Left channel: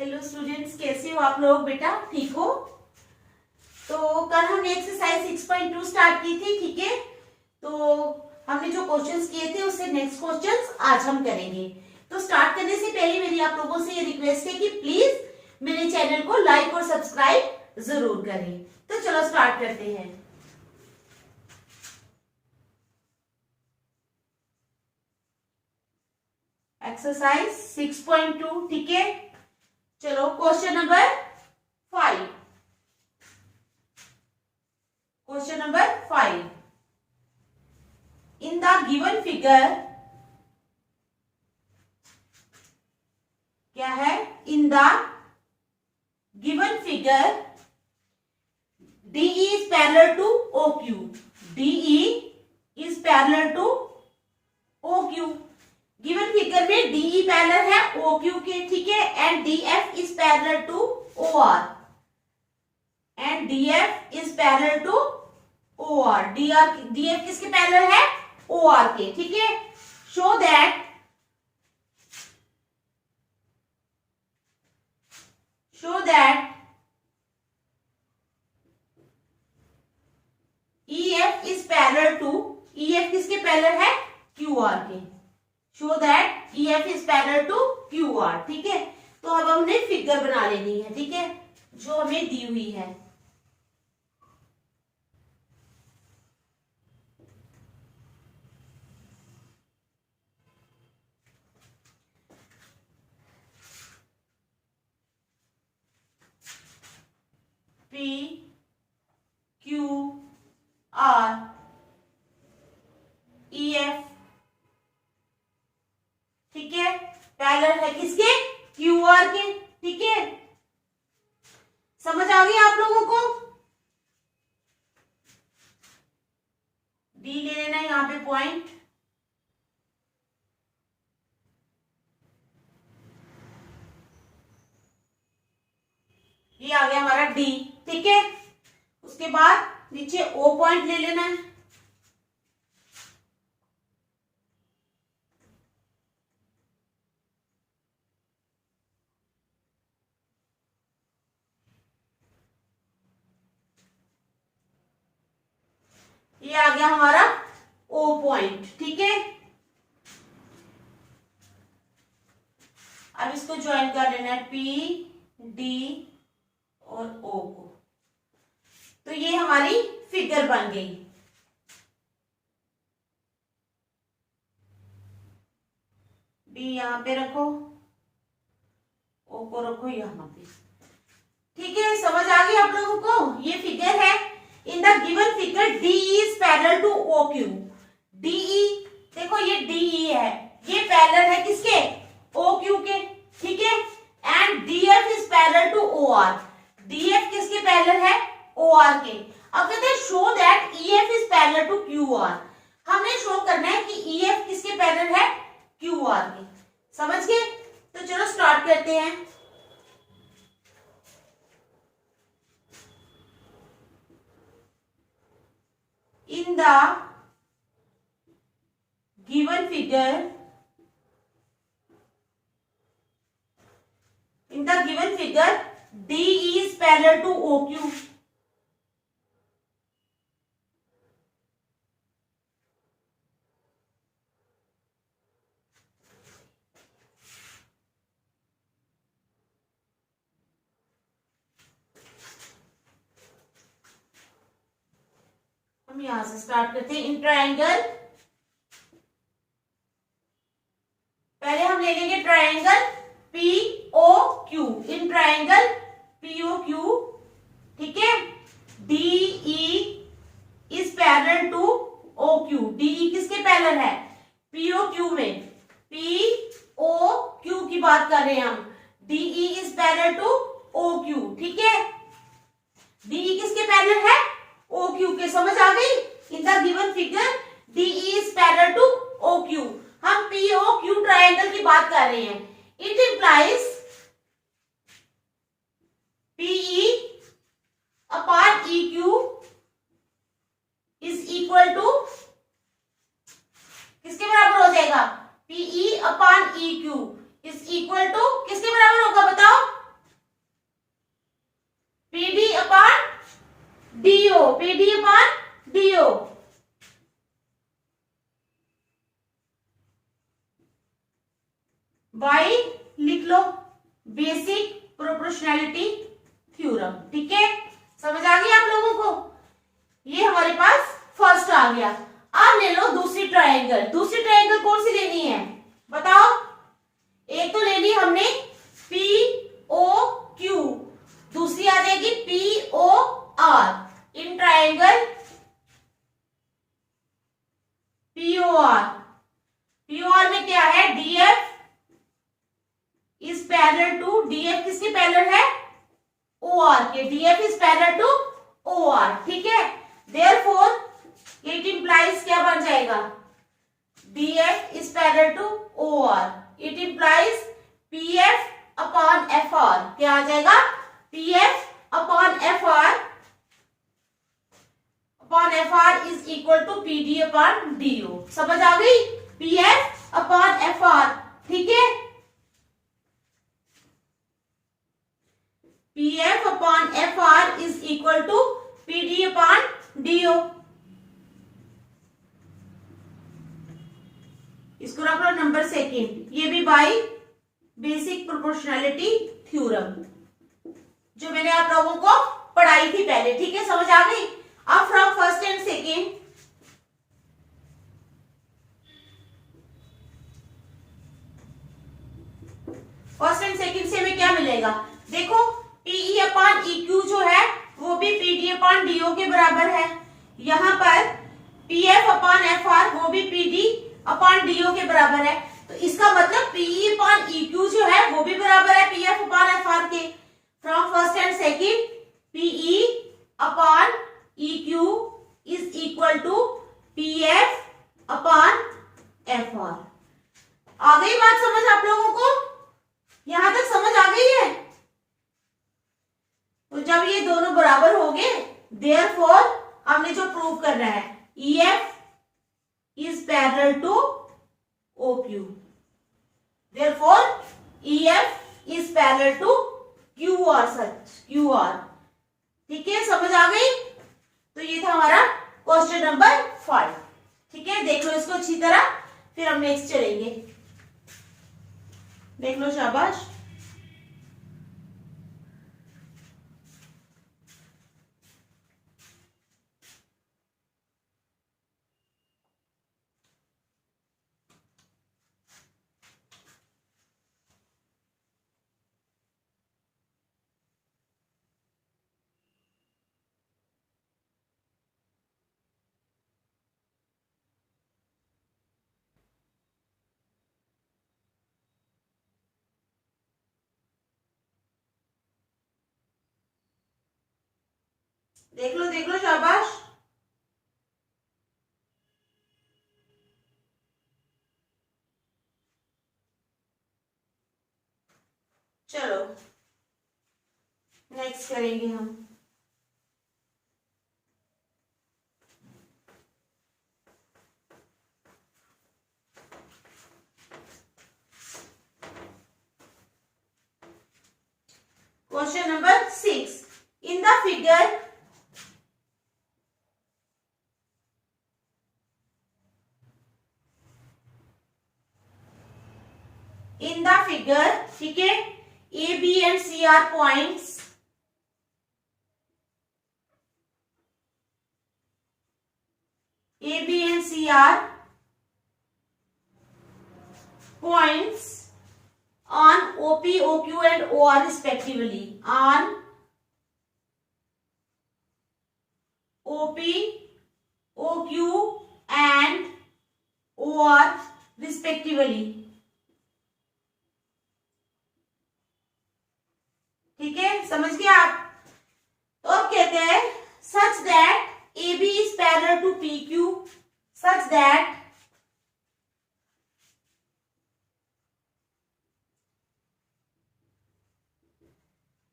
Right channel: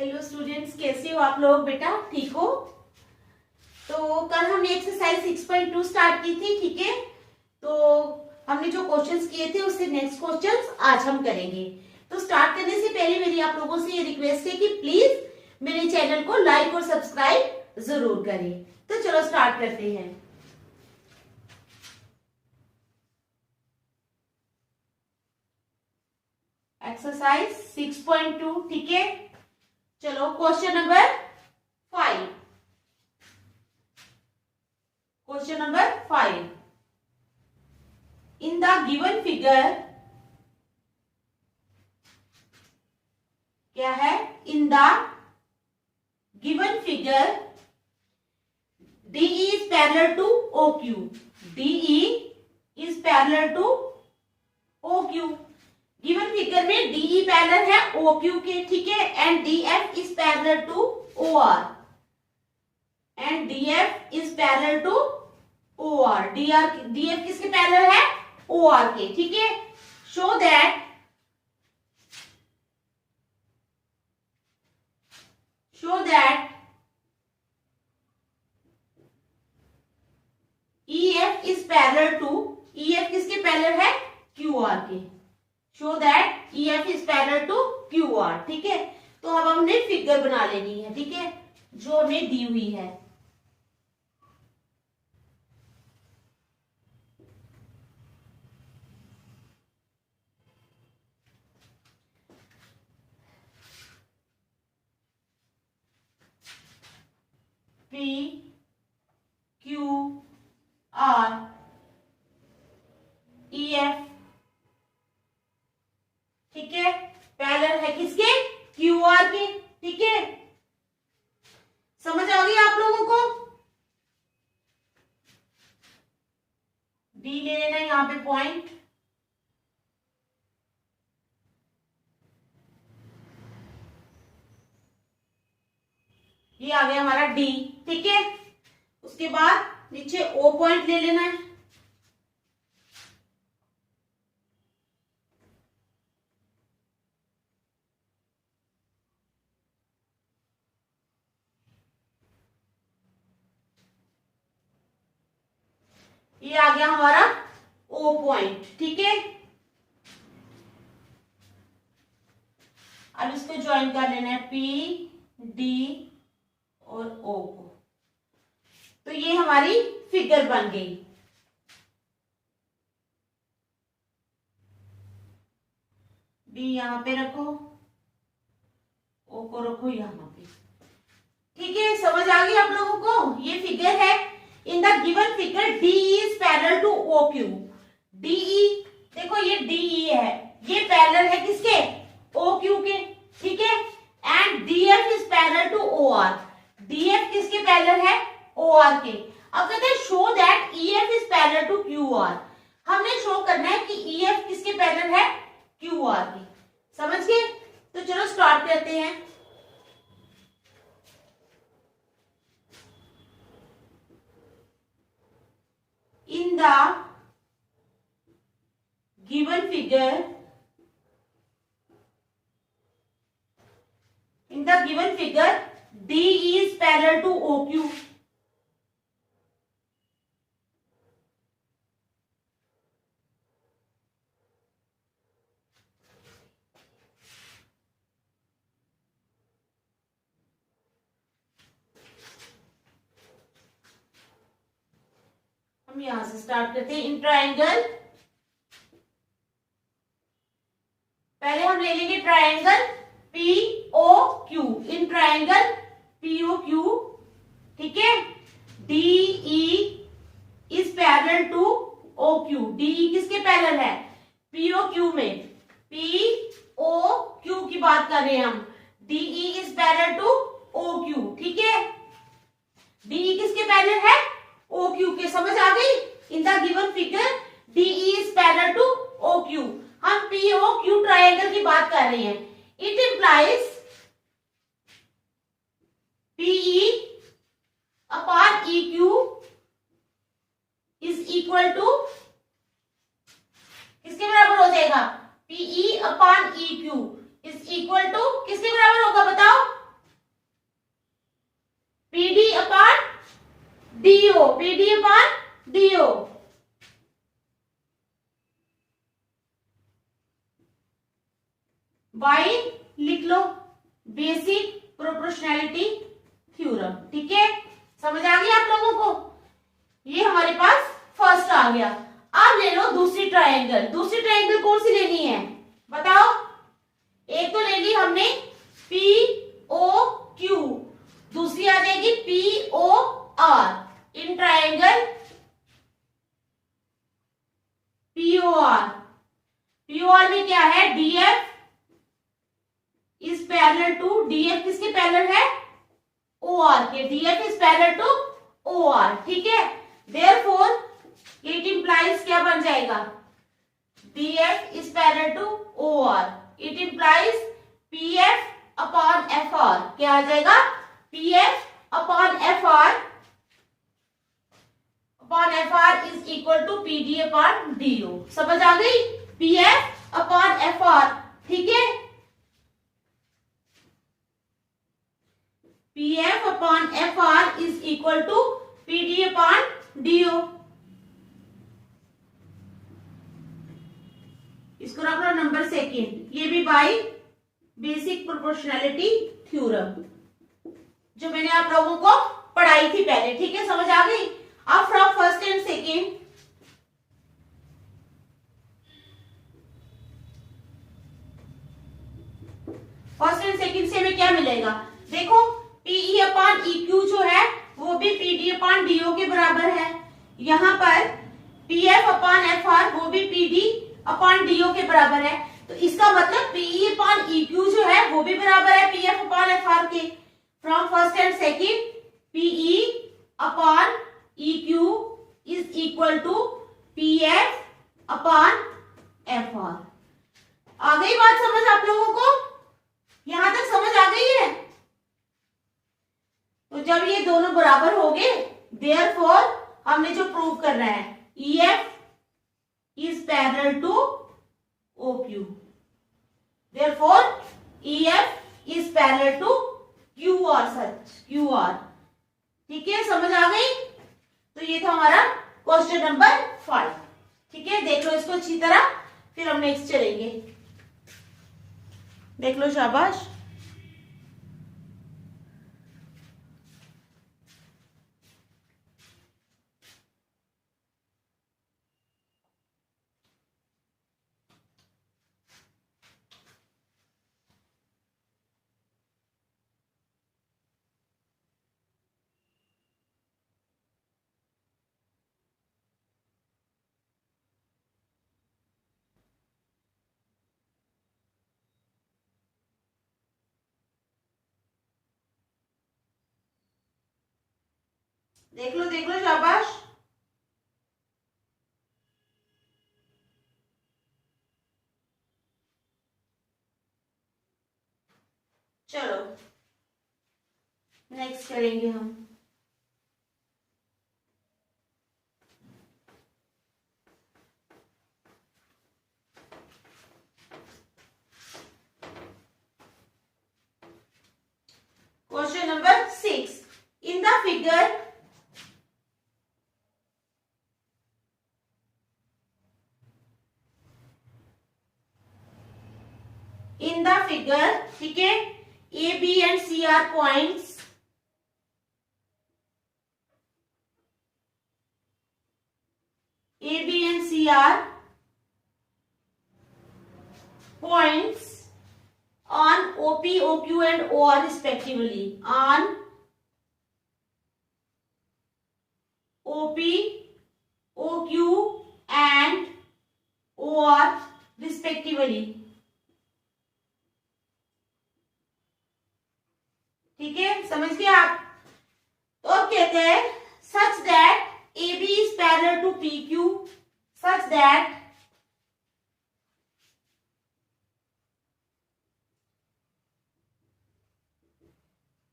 Hello students, कैसे हो आप लोग? बेटा ठीक हो? तो कल हमने एक्सरसाइज 6.2 स्टार्ट की थी, ठीक है। तो हमने जो क्वेश्चंस किए थे उससे नेक्स्ट क्वेश्चंस आज हम करेंगे। तो स्टार्ट करने से पहले मेरी आप लोगों से ये रिक्वेस्ट है कि प्लीज मेरे चैनल को लाइक और सब्सक्राइब जरूर करें। तो चलो स्टार्ट करते हैं। एक्सरसाइज 6.2, ठीक है। चलो question number 5। Question number 5, in the given figure, क्या है? In the given figure DE is parallel to OQ. DE is parallel to OQ. Given figure में DE पैरेलल है OQ के, ठीक है। And DF is parallel to OR. And DF is parallel to OR. DF किसके पैरेलल है? OR के, ठीक है। Show that EF is parallel to, EF किसके पैरेलल है? QR के। Show that EF is parallel to QR, ठीक है। तो अब हमने फिगर बना लेनी है, ठीक है, जो हमें दी हुई है। P Q R EF, ठीक है, पैरेलल है किसके? QR के, ठीक है। समझ आ गई आप लोगों को? डी ले लेना यहां पे पॉइंट। ये आ गया हमारा डी, ठीक है। उसके बाद नीचे O पॉइंट ले लेना है। ये आ गया हमारा O पॉइंट, ठीक है। अब इसको ज्वाइन कर लेना है P D और O को। तो ये हमारी फिगर बन गई। डी यहां पे रखो, O को रखो यहां पे, ठीक है। समझ आ गई आप लोगों को? ये फिगर है। In the given figure DE is parallel to OQ. DE, देखो ये DE है, ये पैरेलल है किसके? OQ के, ठीक है। And DF is parallel to OR. DF किसके पैरेलल है? OR के। अब कहते हैं show that EF is parallel to QR. हमने शो करना है कि EF किसके पैरेलल है? QR के। समझ गए? तो चलो स्टार्ट करते हैं। In the given figure, DE is parallel to OQ. हम यहां से स्टार्ट करते हैं। इन ट्रायंगल, पहले हम ले लेंगे triangle POQ। In triangle POQ, ठीक है। DE is parallel to OQ. DE किसके पैरेलल है? POQ में। POQ की बात कर रहे हैं हम। DE is parallel to OQ, ठीक है। DE किसके पैरेलल है? OQ के। समझ आ गई? In the given figure DE is parallel to OQ। हम POQ ट्रायंगल की बात कर रहे हैं। It implies PE upon EQ is equal to, किसके बराबर हो जाएगा? PE upon EQ is equal to किसके बराबर होगा बताओ? DO, PD upon DO. Why लिख लो, बेसिक प्रोपोर्शनैलिटी थ्योरम। ठीक है, समझ आ गई आप लोगों को? ये हमारे पास फर्स्ट आ गया। अब ले लो दूसरी ट्रायंगल। दूसरी ट्रायंगल कौन सी लेनी है बताओ? एक तो ले ली हमने पी ओ क्यू, दूसरी आ जाएगी P O R. In triangle POR, POR में क्या है? DF is parallel to, DF किसकी पैरेलल है? ओआर के। DF is parallel to OR. ठीक है, देयरफॉर इट इंप्लाइज क्या बन जाएगा? DF is parallel to OR. It implies PF upon F R. क्या आ जाएगा? PF upon F R is equal to PD upon DO. समझ आ गई? PF upon F R. ठीक है, PF upon F R is equal to PD upon DO. इसको रख लो नंबर सेकेंड। ये भी बाय बेसिक प्रोपोर्शनैलिटी थ्योरम, जो मैंने आप लोगों को पढ़ाई थी पहले। ठीक है, समझ आ गई? अब from first and second, first and second से हमें क्या मिलेगा? देखो, पीई अपॉन ई क्यू जो है वो भी पीडी अपॉन डीओ के बराबर है। यहाँ पर पीएफ अपॉन एफ आर वो भी पीडी अपॉन डीओ के बराबर है। तो इसका मतलब पीई अपॉन ई क्यू जो है वो भी बराबर है पीएफ अपॉन एफ आर के। From first and second, PE upon E Q is equal to PF upon F R. आ गई बात समझ आप लोगों को? यहां तक समझ आ गई है? तो जब ये दोनों बराबर हो गए, देयरफॉर हमने जो प्रूव करना है, EF is parallel to OQ. Therefore, EF is parallel to QR such QR. ठीक है, समझ आ गई? तो ये था हमारा क्वेश्चन नंबर 5। ठीक है, देख लो इसको अच्छी तरह, फिर हम नेक्स्ट चलेंगे। देख लो, शाबाश। देख लो, शाबाश। चलो नेक्स्ट करेंगे हम। Question number 6। In the figure ठीक है, A B and C are points. A, B and C are points on OP, OQ and OR respectively. On OP, OQ and OR respectively. ठीक है, समझ गए आप? तो अब कहते हैं such that AB is parallel to PQ, such that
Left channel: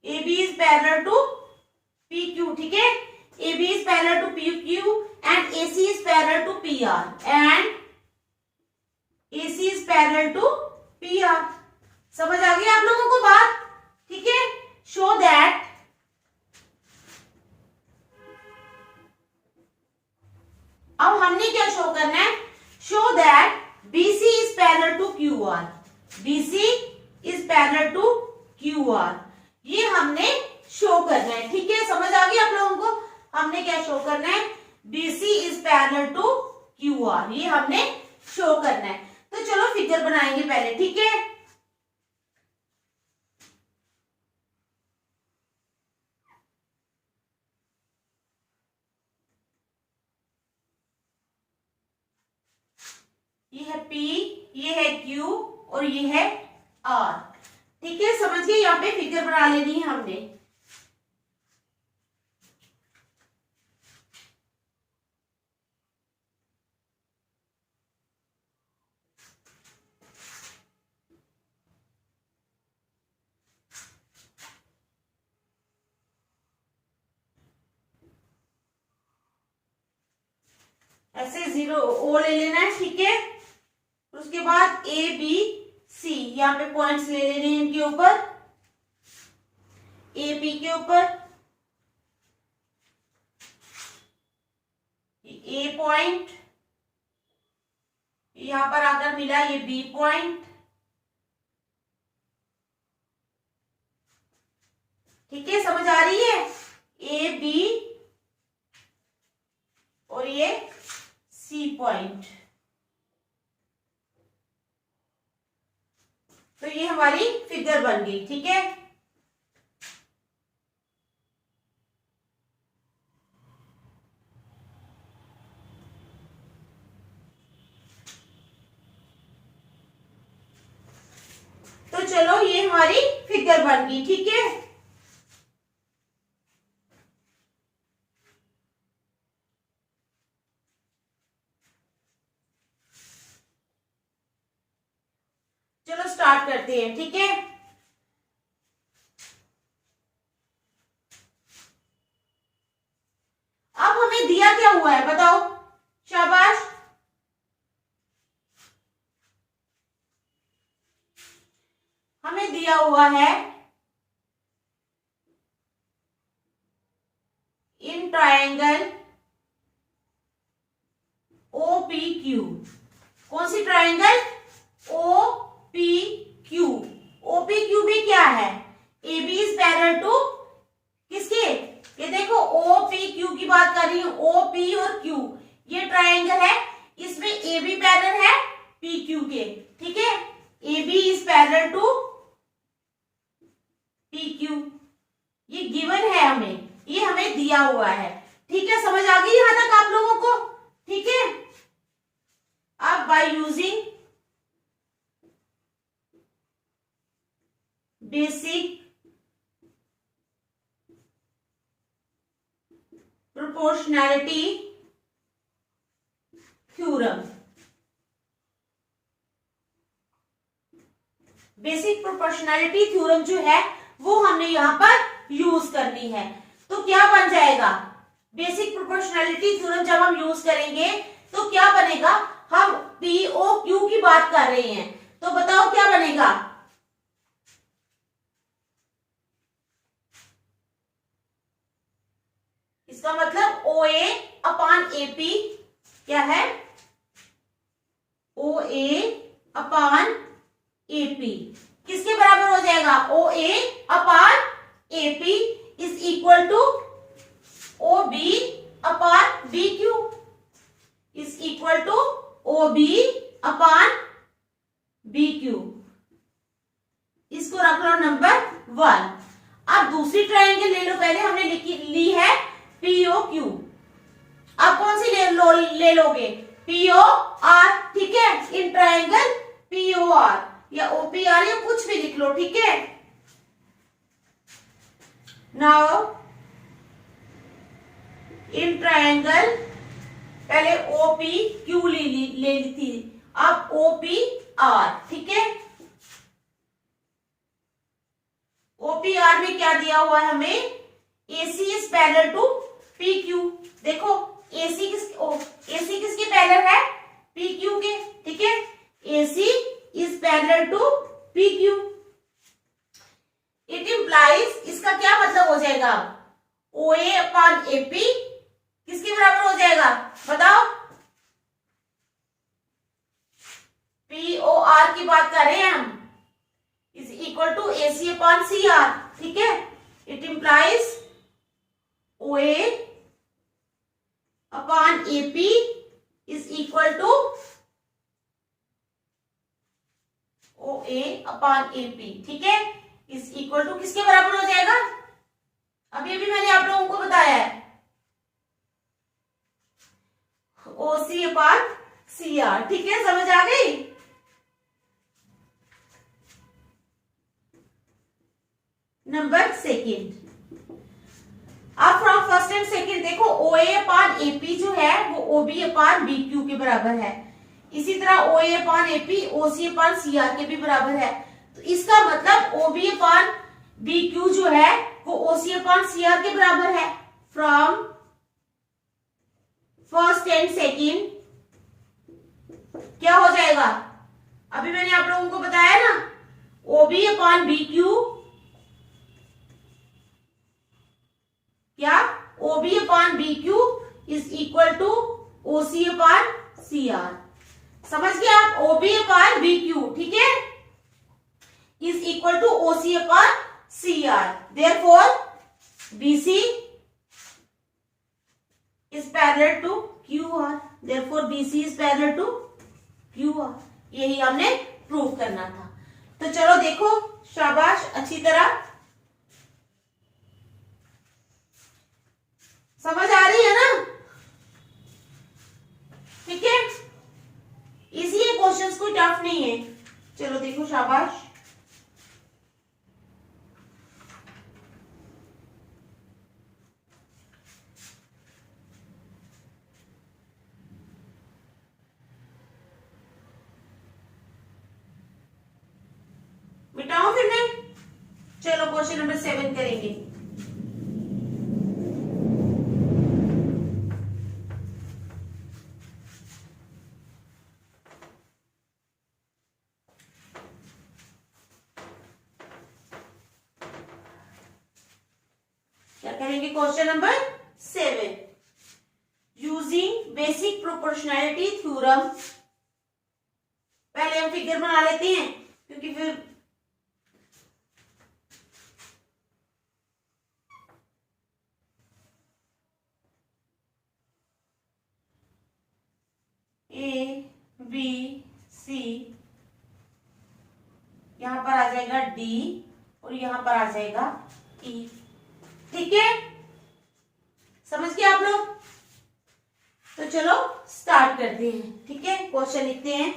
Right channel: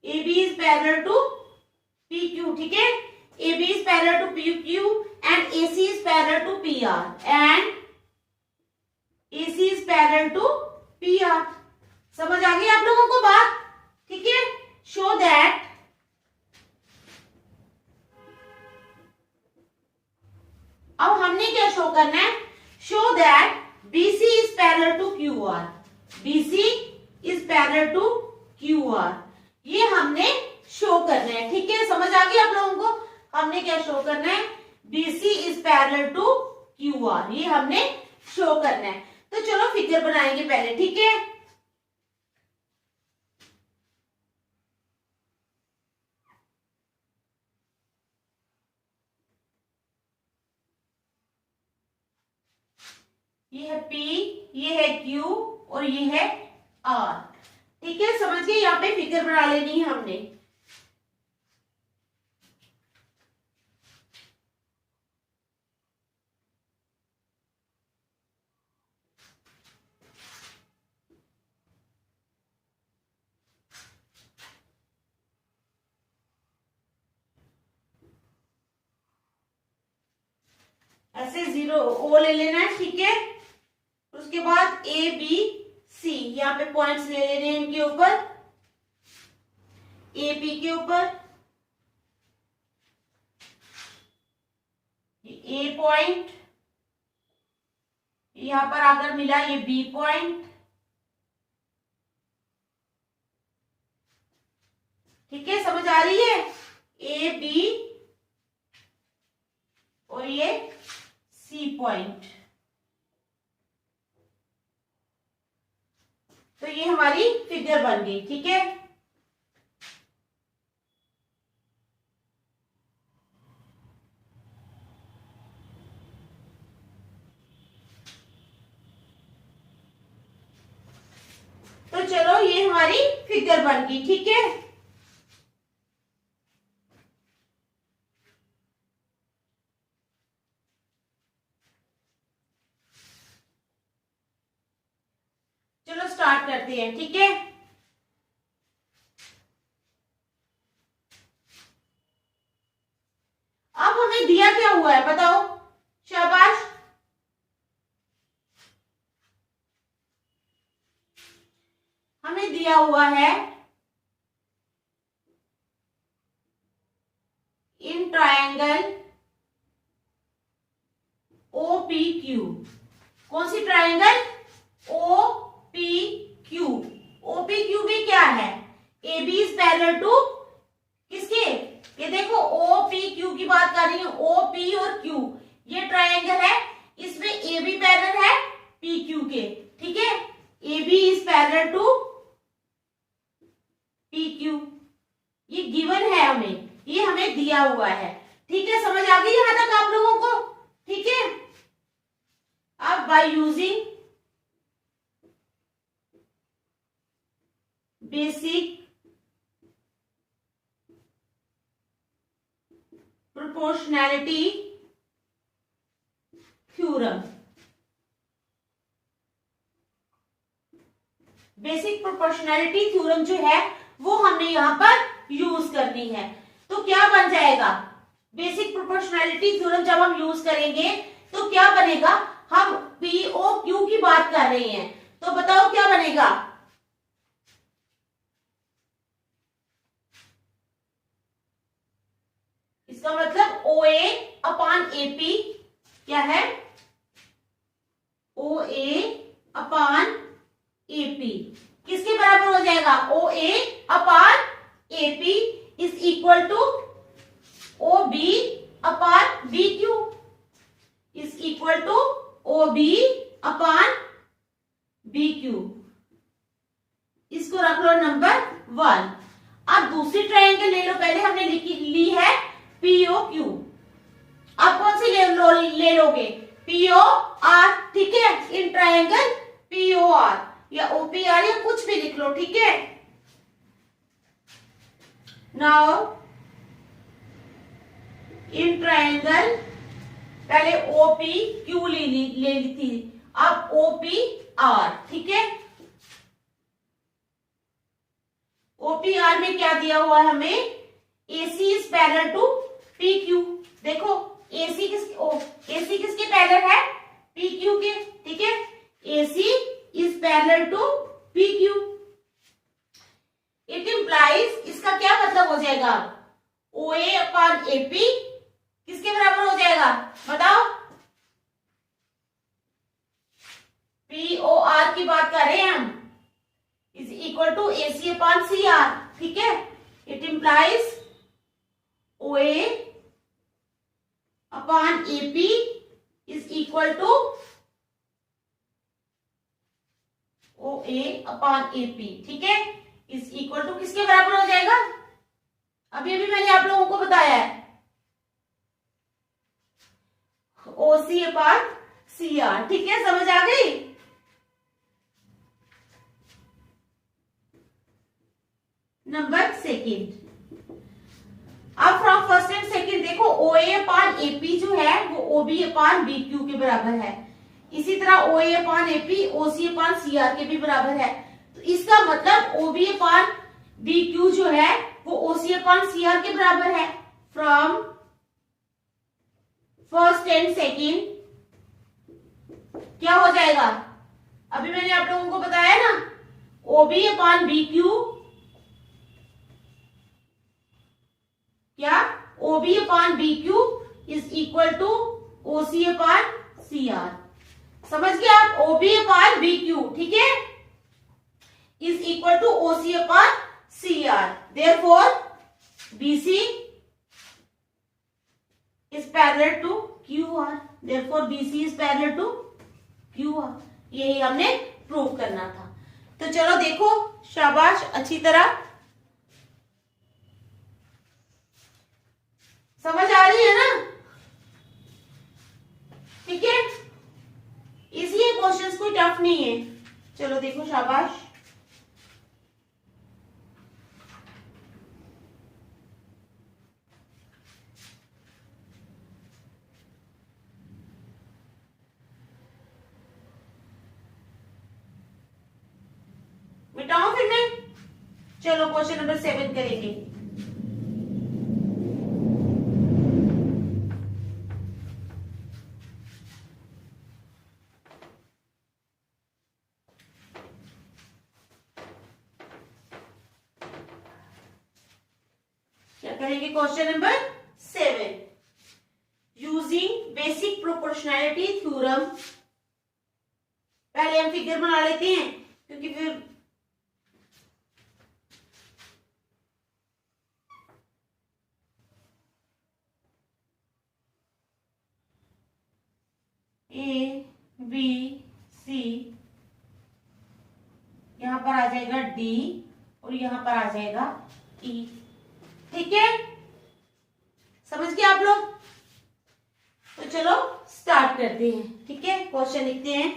AB is parallel to PQ. ठीक है, AB is parallel to PQ and AC is parallel to PR and AC is parallel to PR. समझ आ गई आप लोगों को बात? ठीक है, show that अब हमने क्या शो करना है, show that BC is parallel to QR, BC is parallel to QR, ये हमने शो करना है। ठीक है, समझ आ गई आप लोगों को, हमने क्या शो करना है, BC is parallel to QR, ये हमने शो करना है। तो चलो फिगर बनाएंगे पहले, ठीक है। ये है P, ये है Q और ये है R। ठीक है, समझ गए, यहाँ पे फिगर बना लेनी है हमने। ऐसे 0 O ले लेना है, ठीक है। उसके बाद ABC, यहाँ पे पॉइंट्स ले लेने हैं इनके ऊपर, AP के ऊपर A पॉइंट, यहां पर अगर मिला ये B पॉइंट, ठीक है, समझ आ रही है, AB और ये C पॉइंट। तो ये हमारी फिगर बन गई, ठीक है। तो चलो ये हमारी फिगर बन गई, ठीक है। चलो स्टार्ट करते हैं, ठीक है। अब हमें दिया क्या हुआ है बताओ, शाबाश। हमें दिया हुआ है इन ट्रायंगल OPQ, कौन सी ट्रायंगल, OPQ। OPQ में क्या है, AB इज पैरेलल टू किसके, ये देखो OPQ की बात कर रही हूं, OP और Q ये ट्रायंगल है, इसमें AB पैरेलल है PQ के, ठीक है। AB is parallel to PQ, ये गिवन है हमें, ये हमें दिया हुआ है, ठीक है। समझ आ गई यहां तक आप लोगों को, ठीक है। अब by using basic proportionality theorem, basic proportionality theorem जो है वो हमने यहां पर यूज करनी है। तो क्या बन जाएगा, बेसिक प्रोपोर्शनैलिटी थ्योरम जब हम यूज करेंगे तो क्या बनेगा, हम POQ की बात कर रहे हैं, तो बताओ क्या बनेगा, इसका मतलब OA अपान AP क्या है, OA अपान AP किसके बराबर हो जाएगा, OA upon AP is equal to OB upon BQ is equal to OB upon BQ, इसको रख लो नंबर 1। अब दूसरी ट्रायंगल ले लो, पहले हमने ली है POQ, अब कौन सी ले लोगे, POR, ठीक है। इन ट्रायंगल POR या OPR या कुछ भी लिख लो, ठीक है। नाउ इन ट्रायंगल, पहले OPQ ले ली थी, अब OPR, ठीक है। OPR में क्या दिया हुआ है हमें, AC is parallel to PQ, देखो AC किसके पैरेलल है, PQ के, ठीक है। AC is parallel to PQ, it implies, इसका क्या मतलब हो जाएगा, OA अपान AP किसके बराबर हो जाएगा बताओ, POR की बात कर रहे हैं हम, is equal to AC upon CR, ठीक है। It implies OA upon AP is equal to OA upon AP, ठीक है, इज इक्वल टू किसके बराबर हो जाएगा? अभी अभी मैंने आप लोगों को बताया है, OC अपॉन CR, ठीक है, समझ आ गई? नंबर सेकेंड, अब फ्रॉम फर्स्ट एंड सेकेंड देखो, OA अपॉन AP जो है वो OB अपॉन BQ के बराबर है, इसी तरह OA upon AP OC upon CR के भी बराबर है। तो इसका मतलब OB अपॉन BQ जो है वो OC अपॉन CR के बराबर है। फ्रॉम फर्स्ट एंड सेकेंड क्या हो जाएगा? अभी मैंने आप लोगों को बताया ना, OB अपॉन BQ क्या, OB upon BQ is equal to OC upon CR। समझ गए आप? OB अपॉन BQ, ठीक है, is equal to OC upon CR। Therefore BC is parallel to QR, therefore BC is parallel to QR। यही हमने prove करना था। तो चलो देखो, शाबाश, अच्छी तरह समझ आ रही है ना? ठीक है, इजी है, क्वेश्चंस कोई टफ नहीं है। चलो देखो, शाबाश। मिटाऊं फिर मैं? चलो क्वेश्चन नंबर 7 करेंगे। करेंगे question number 7, using basic proportionality theorem. पहले हम फिगर बना लेते हैं, क्योंकि फिर ABC यहां पर आ जाएगा D और यहां पर आ जाएगा E, ठीक है, समझ गए आप लोग? तो चलो स्टार्ट करते हैं, ठीक है। क्वेश्चन लिखते हैं,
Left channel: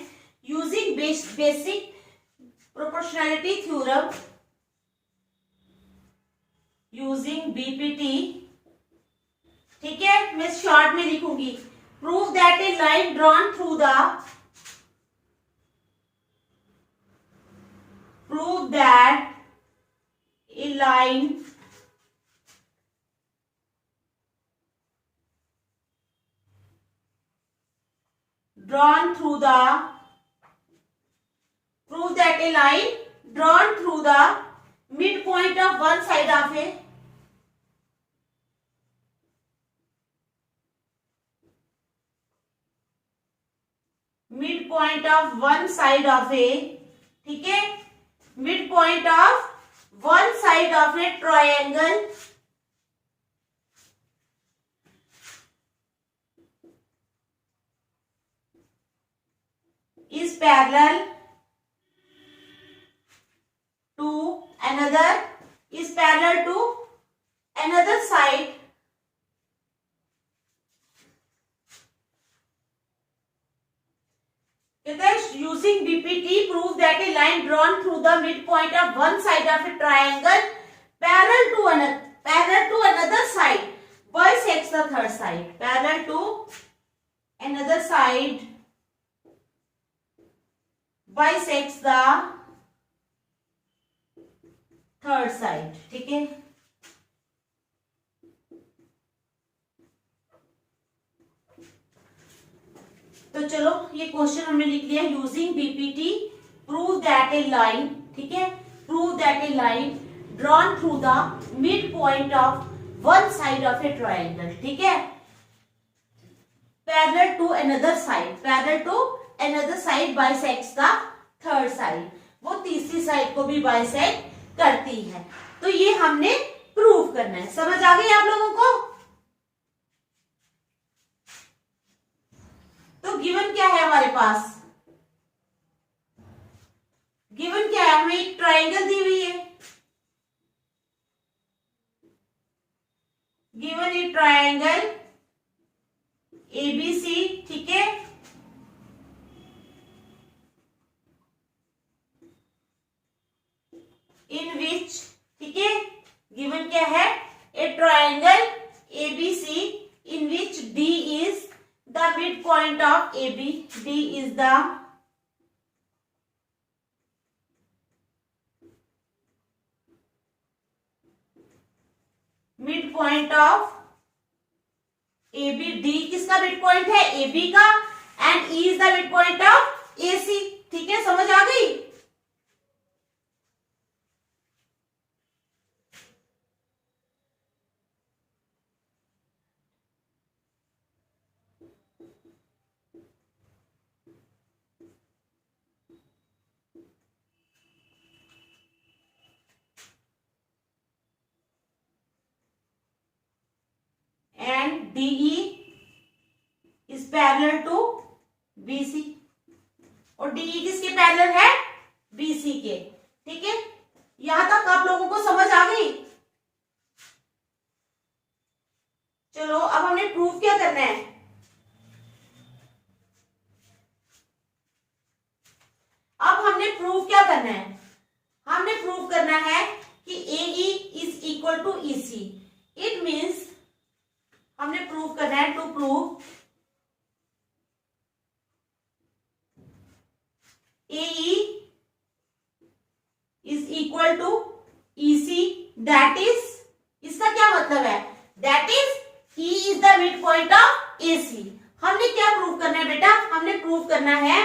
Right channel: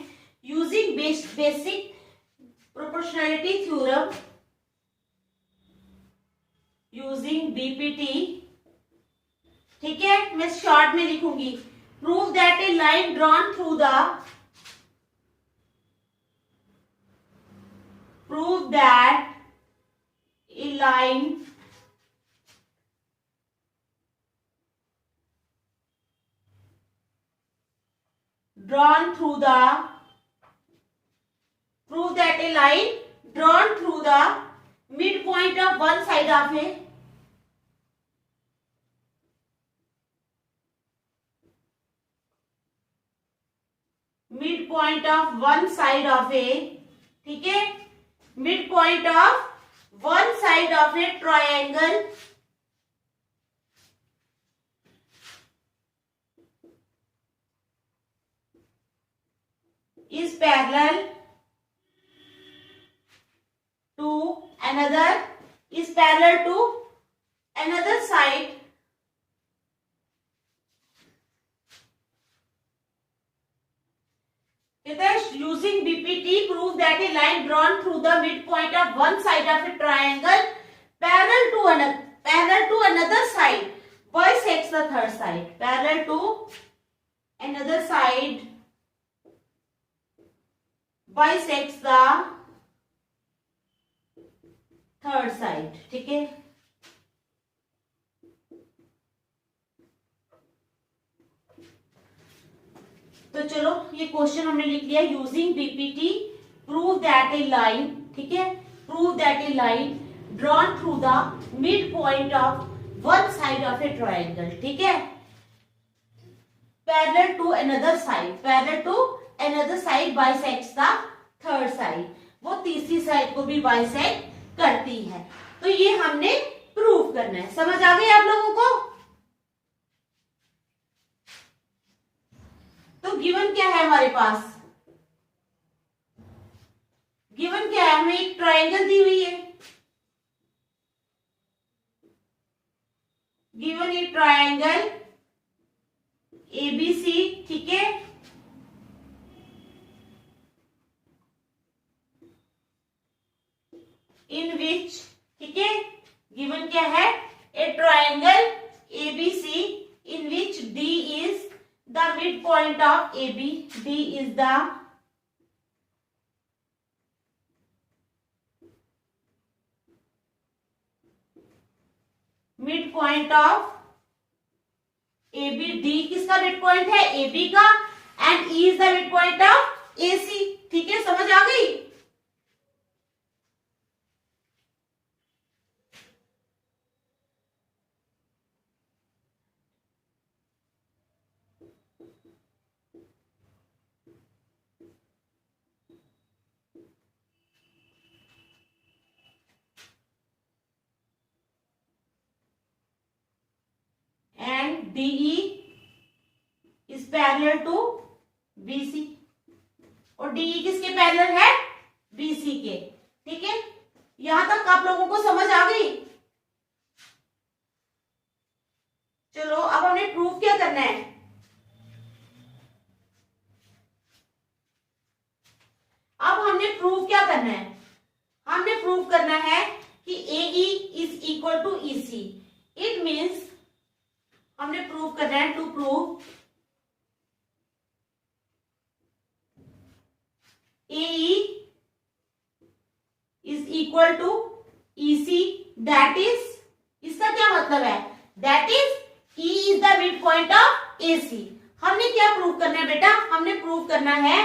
using basic proportionality theorem using BPT, ठीक है, मैं शॉर्ट में लिखूंगी। Prove that a line drawn through the prove that a line drawn through the midpoint of one side of a ठीक है, midpoint of one side of a triangle is parallel to another side using BPT prove that a line drawn through the midpoint of one side of a triangle parallel to another side bisects the third side. Parallel to another side bisects the third side, ठीक है। तो चलो ये question हमने लिख लिया, using BPT prove that a line, ठीक है, prove that a line drawn through the mid point of one side of a triangle, ठीक है, parallel to another side bisects the third side, वो तीसरी साइड को भी बाइसेक्ट करती है। तो ये हमने प्रूव करना है। समझ आ गई आप लोगों को? तो गिवन क्या है हमारे पास? गिवन क्या है? हमें एक ट्रायंगल दी हुई है, गिवन ए ट्रायंगल ABC, ठीक है, इन विच, ठीक है, गिवन क्या है? A triangle ABC in which D is the mid point of AB, D is the mid point of AB, D किसका मिड पॉइंट है? AB का, and E is the mid point of AC, ठीक है, समझ आ गई? And DE is parallel to BC, और DE किसके पैरेलल है? BC के, ठीक है। यहां तक आप लोगों को समझ आ गई? चलो अब हमने प्रूफ क्या करना है? अब हमने प्रूफ क्या करना है? हमने प्रूव करना है कि AE is equal to EC। It means हमने प्रूव करना है, to prove AE is equal to EC, that is, इसका क्या मतलब है? That is E is the mid point of AC। हमने क्या प्रूव करना है बेटा? हमने प्रूव करना है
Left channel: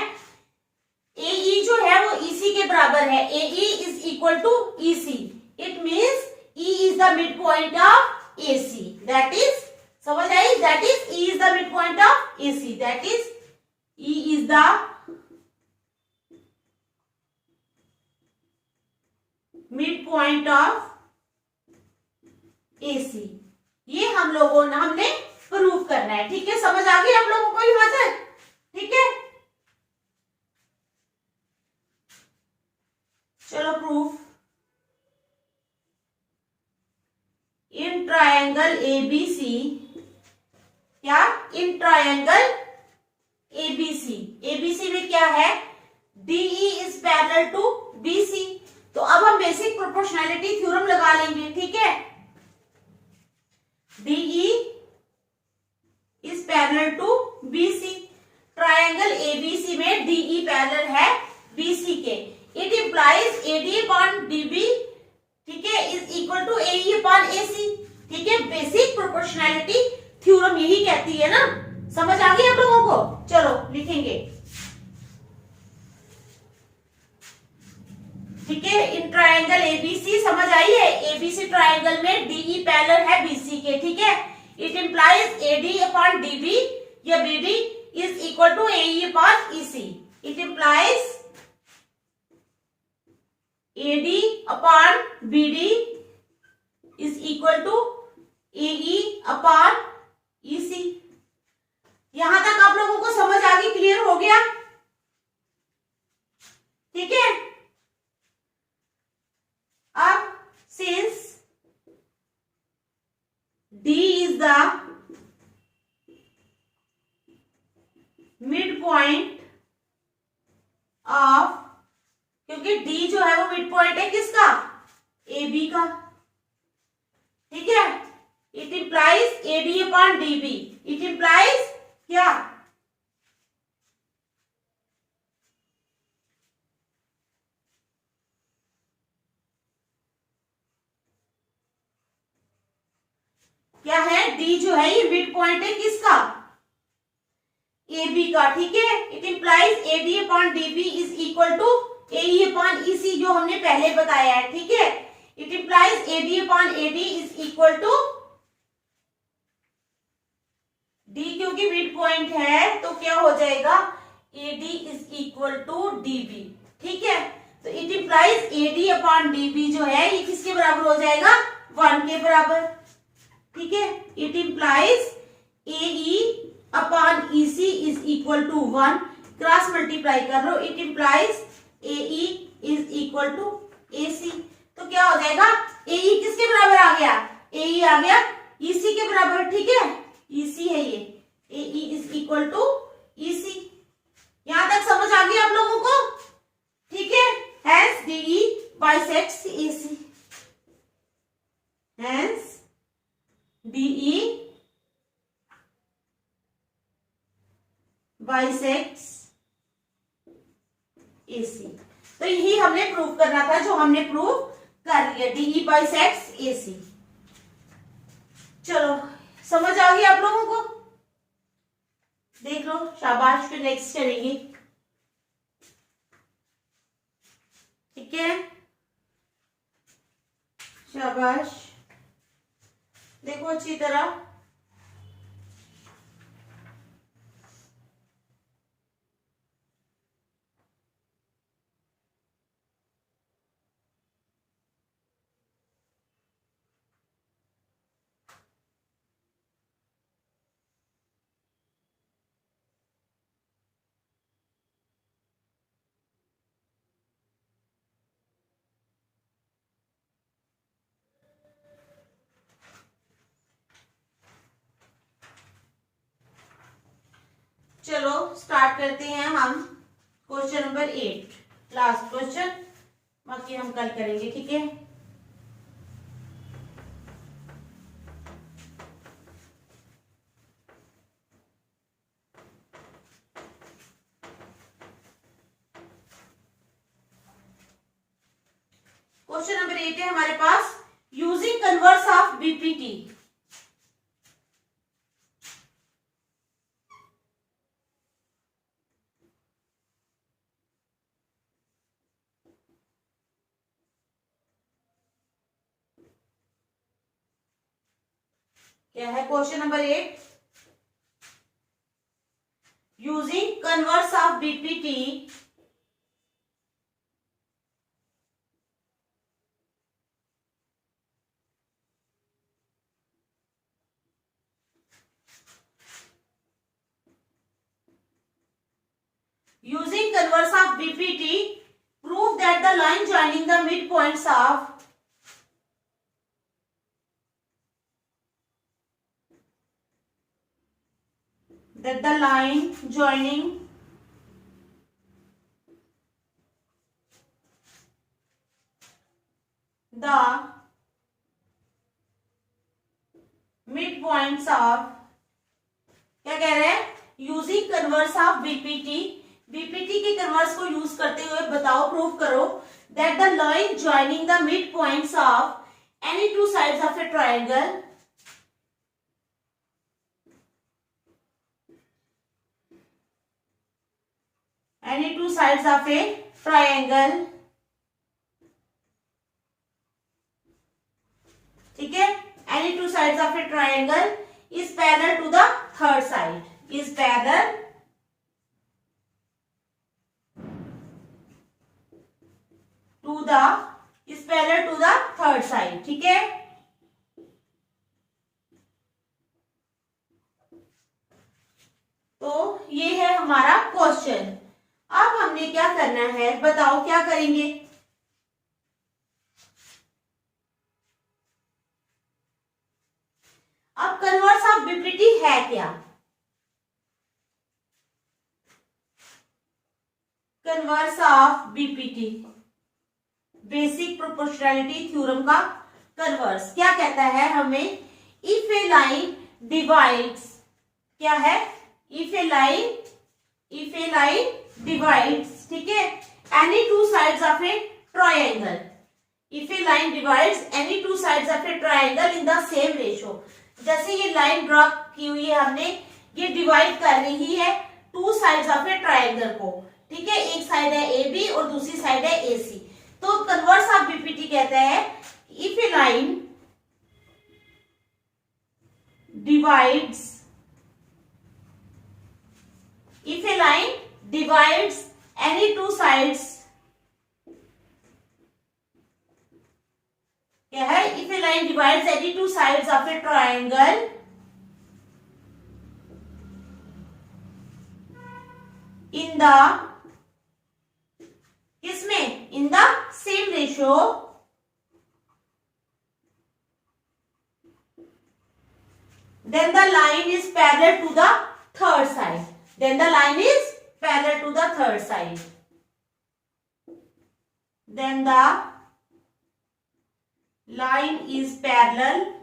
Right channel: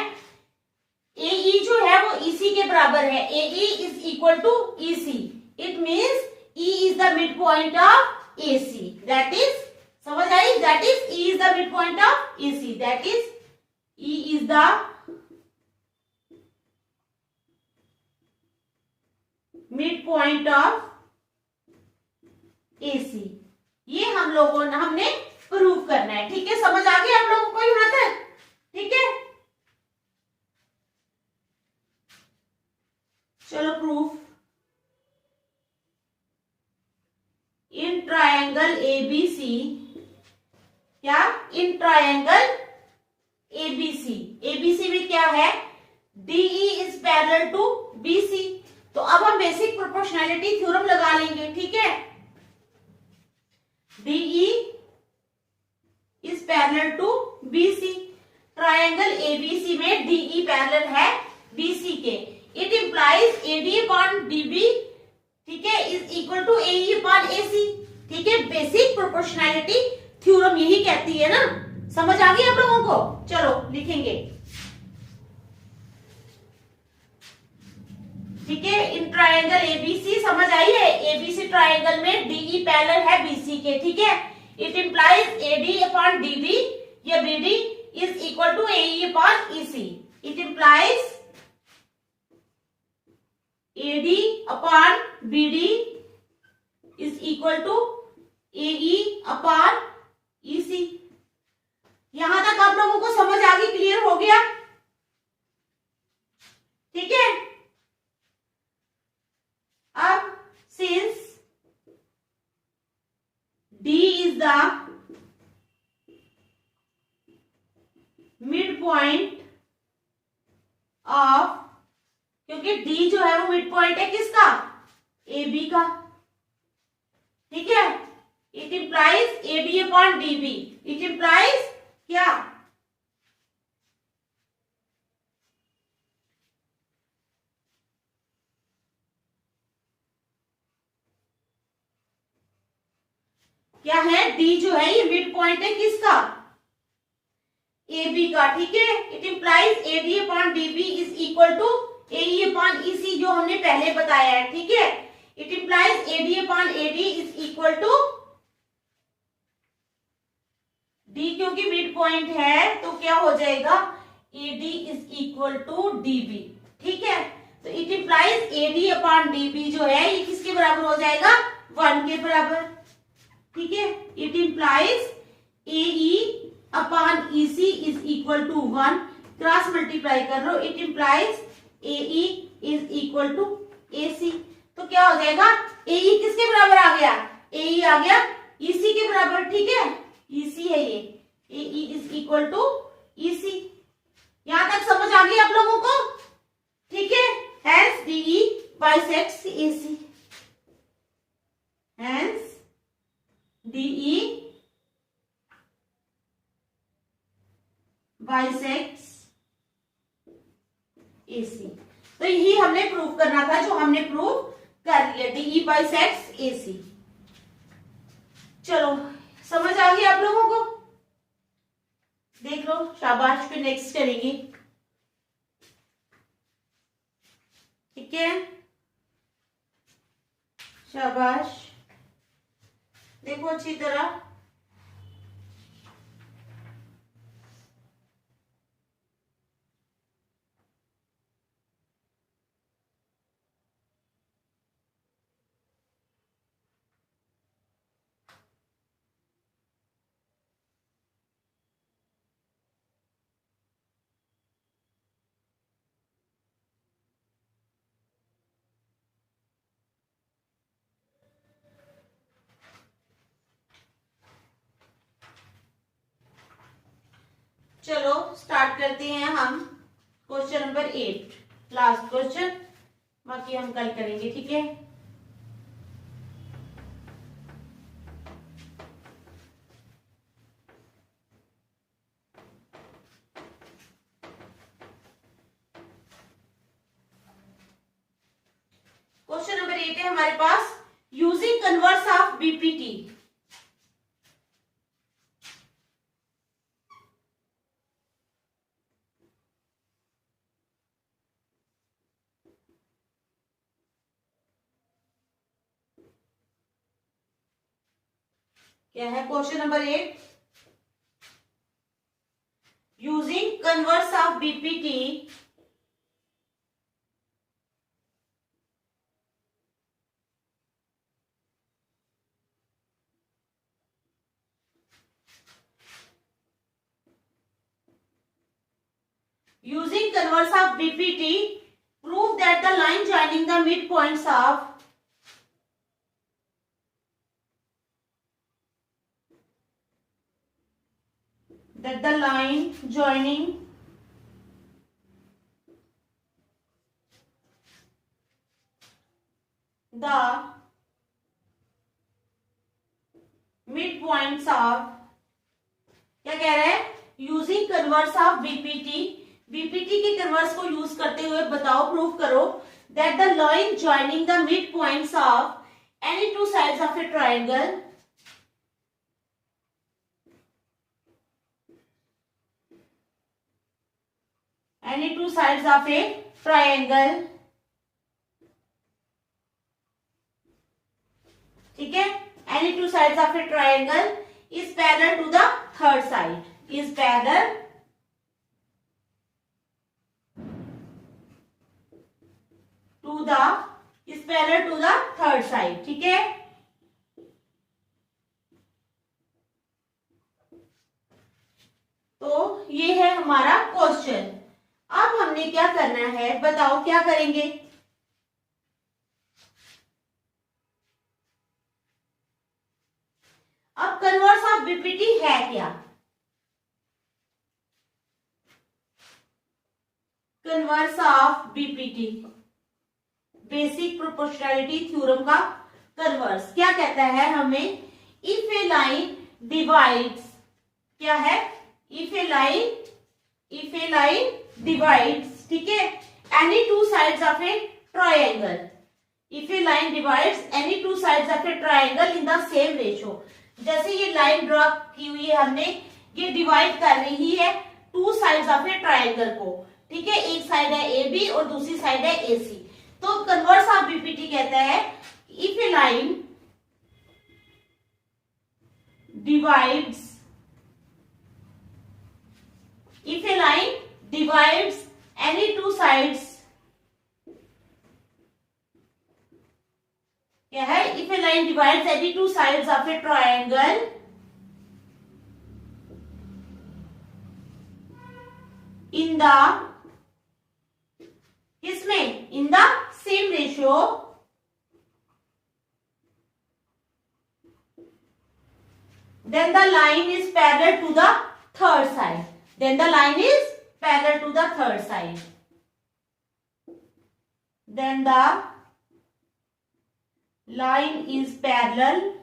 AE जो है वो EC के बराबर है। AE is equal to EC, it means E is the mid point of AC, that is, समझ आई? That is E is the mid point of AC, that is E is the mid point of AC। ये हम लोगों ने, हमने prove करना है, ठीक है, समझ आ गई आप लोगों को यहां तक? ठीक है, चलो प्रूफ, इन ट्रायंगल ABC, क्या? इन ट्रायंगल ABC में क्या है? DE is parallel to BC। तो अब हम बेसिक प्रोपोर्शनैलिटी थ्योरम लगा लेंगे, ठीक है। DE is parallel to BC, triangle ABC में DE पैरेलल है BC के। It implies AD upon DB, ठीक है, is equal to AE upon AC, ठीक है। बेसिक प्रोपोर्शनैलिटी थ्योरम यही कहती है ना, समझ आ गई आप लोगों को? चलो लिखेंगे, ठीक है। इन ट्रायंगल ABC, समझ आई है? ABC ट्रायंगल में DE पैरेलल है BC के, ठीक है। It implies AD upon DB या BD is equal to AE upon EC। It implies AD upon BD is equal to AE upon EC। यहां तक आप लोगों को समझ आ गई? क्लियर हो गया? ठीक है। अब since D is the mid point of, क्योंकि D जो है वो मिड पॉइंट है किसका? AB का, ठीक है। It implies AD upon DB, it implies क्या? क्या है? D जो है ये मिड पॉइंट है किसका? AB का, ठीक है। It implies AD upon DB is equal to AE upon EC, जो हमने पहले बताया है, ठीक है। It implies AD upon AD is equal to D, क्योंकि मिड पॉइंट है तो क्या हो जाएगा? AD is equal to DB। ठीक है, तो it implies AD upon DB जो है ये किसके बराबर हो जाएगा, 1 के बराबर। ठीक है, it implies AE upon EC is equal to 1, cross multiply कर लो, it implies AE is equal to AC। तो क्या हो जाएगा, AE किसके बराबर आ गया, AE आ गया EC के बराबर। ठीक है, EC है ये, AE is equal to EC। यहां तक समझ आ गई आप लोगों को। ठीक है, hence DE bisects AC, hence DE bisects AC। तो यही हमने प्रूव करना था, जो हमने प्रूव कर लिया, DE bisects AC। चलो समझ आ गई आप लोगों को, देख लो, शाबाश। फिर नेक्स्ट करेंगे। ठीक है, शाबाश, देखो अच्छी तरह। चलो स्टार्ट करते हैं हम क्वेश्चन नंबर 8, लास्ट क्वेश्चन, बाकी हम कल करेंगे। ठीक है, क्वेश्चन नंबर 8 है हमारे पास, यूजिंग कन्वर्स ऑफ BPT। क्या है question number 8, using converse of BPT using converse of BPT, prove that the line joining the midpoints of the line joining the midpoints of, क्या कह रहे हैं, using converse of BPT, BPT के converse को use करते हुए बताओ, prove करो that the line joining the midpoints of any two sides of a triangle ठीक है, any two sides of a triangle is parallel to the third side, is parallel to the third side। ठीक है, तो ये है हमारा question. अब हमने क्या करना है, बताओ क्या करेंगे। अब कन्वर्स ऑफ BPT है क्या, converse of BPT, basic proportionality theorem का कन्वर्स क्या कहता है हमें, इफ ए लाइन डिवाइड्स, क्या है, इफ ए लाइन डिवाइड्स, ठीक है, any two sides of a triangle, if A line divides any two sides of a triangle in the same ratio. जैसे ये लाइन ड्रॉ की हुई है हमने, ये डिवाइड कर रही है two sides of a triangle को। ठीक है, एक साइड है AB और दूसरी साइड है AC। तो कन्वर्स ऑफ BPT कहता है if A line divides any two sides, क्या है, if a line divides any two sides of a triangle in the, किसमें, in the same ratio, then the line is parallel to the third side. Then the line is parallel to the third side. Then the line is parallel,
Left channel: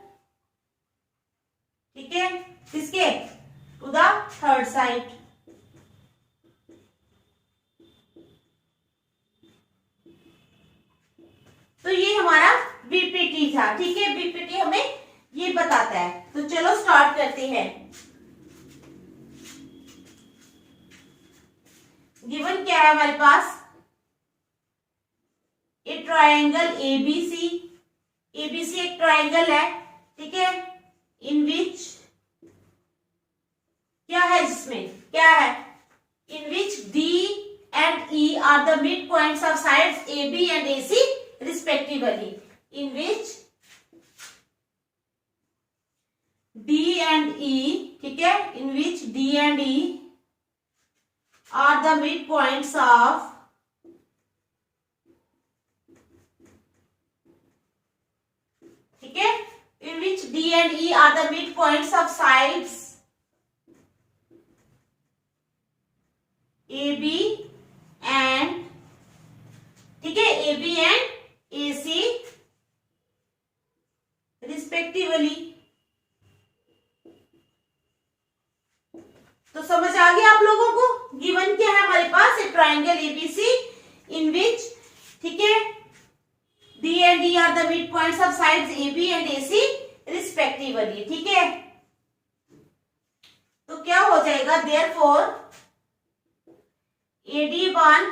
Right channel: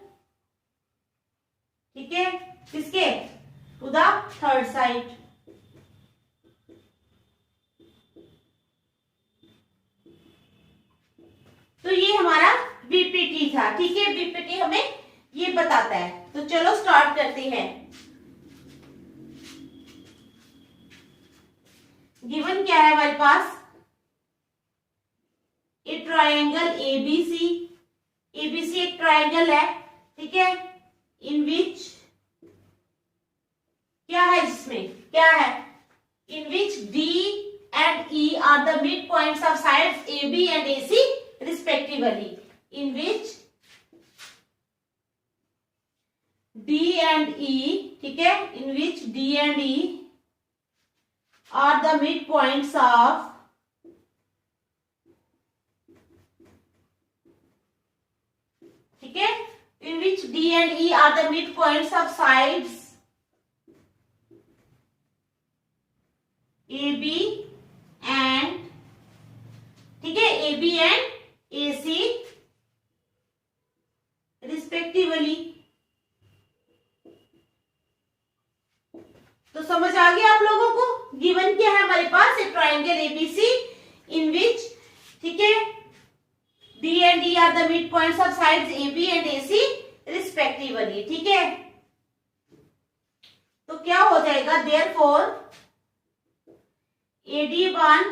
ठीक है, किसके, to the third side. तो ये हमारा BPT था, ठीक है, BPT हमें ये बताता है. तो चलो स्टार्ट करते हैं. गिवन क्या है हमारे पास, ए ट्राइंगल एबीसी, एबीसी एक ट्राइंगल है, ठीक है, इन विच, क्या है जिसमें, क्या है, in which D and E are the mid points of sides A B and A C respectively. In which D and E, ठीक है, in which D and E are the midpoints of, ठीक है, in which D and E are the midpoints of sides AB and, ठीक है, AB and AC respectively. तो समझ आ गया आप लोगों को. गिवन क्या है हमारे पास, एक ट्राइंगल एबीसी इन विच, ठीक है, D and D are the mid points of sides A B and A C respectively, ठीक है. तो क्या हो जाएगा, therefore AD one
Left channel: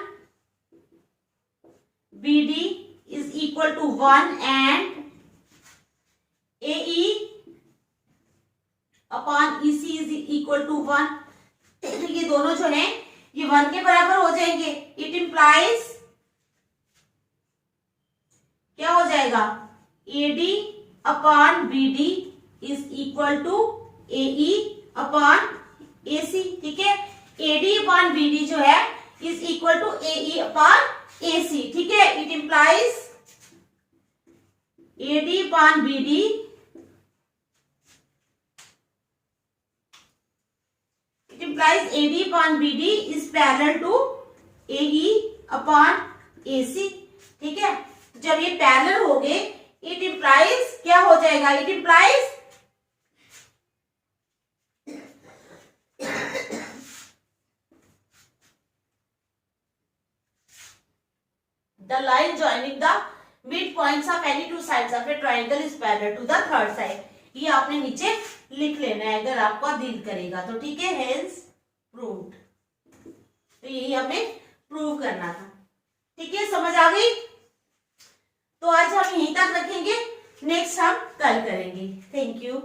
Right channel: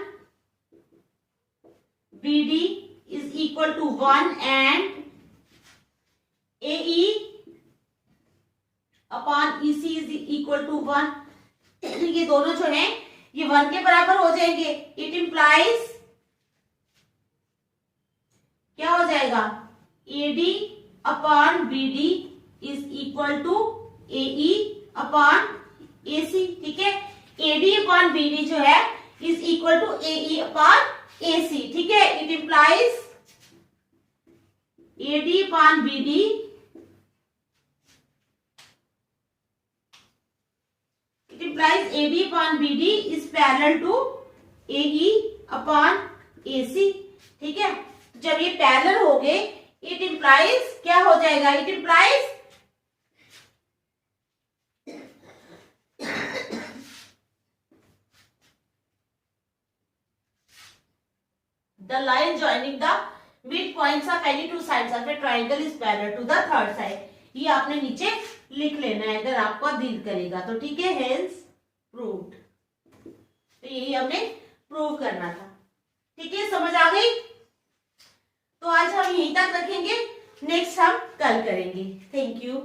BD is equal to 1 and AE upon EC is equal to 1. ये दोनों जो है ये 1 के बराबर हो जाएंगे. इट इंप्लाइज, क्या हो जाएगा, AD upon BD is equal to AE upon AC, ठीक है. AD अपॉन BD जो है is equal to AE upon AC, ठीक है. It implies AD upon BD, implies AD upon BD is parallel to AE upon AC, ठीक है. जब ये पैरेलल हो गए, इट इंप्लाइज, क्या हो जाएगा, it implies the line joining the midpoints of any two sides of a triangle is parallel to the third side. ये आपने नीचे लिख लेना है अगर आपको डील करेगा तो, ठीक है. Hence proved. तो यही हमने प्रूव करना था, ठीक है. समझ आ गई. तो आज हम यहीं तक रखेंगे, नेक्स्ट हम कल करेंगे. Thank you.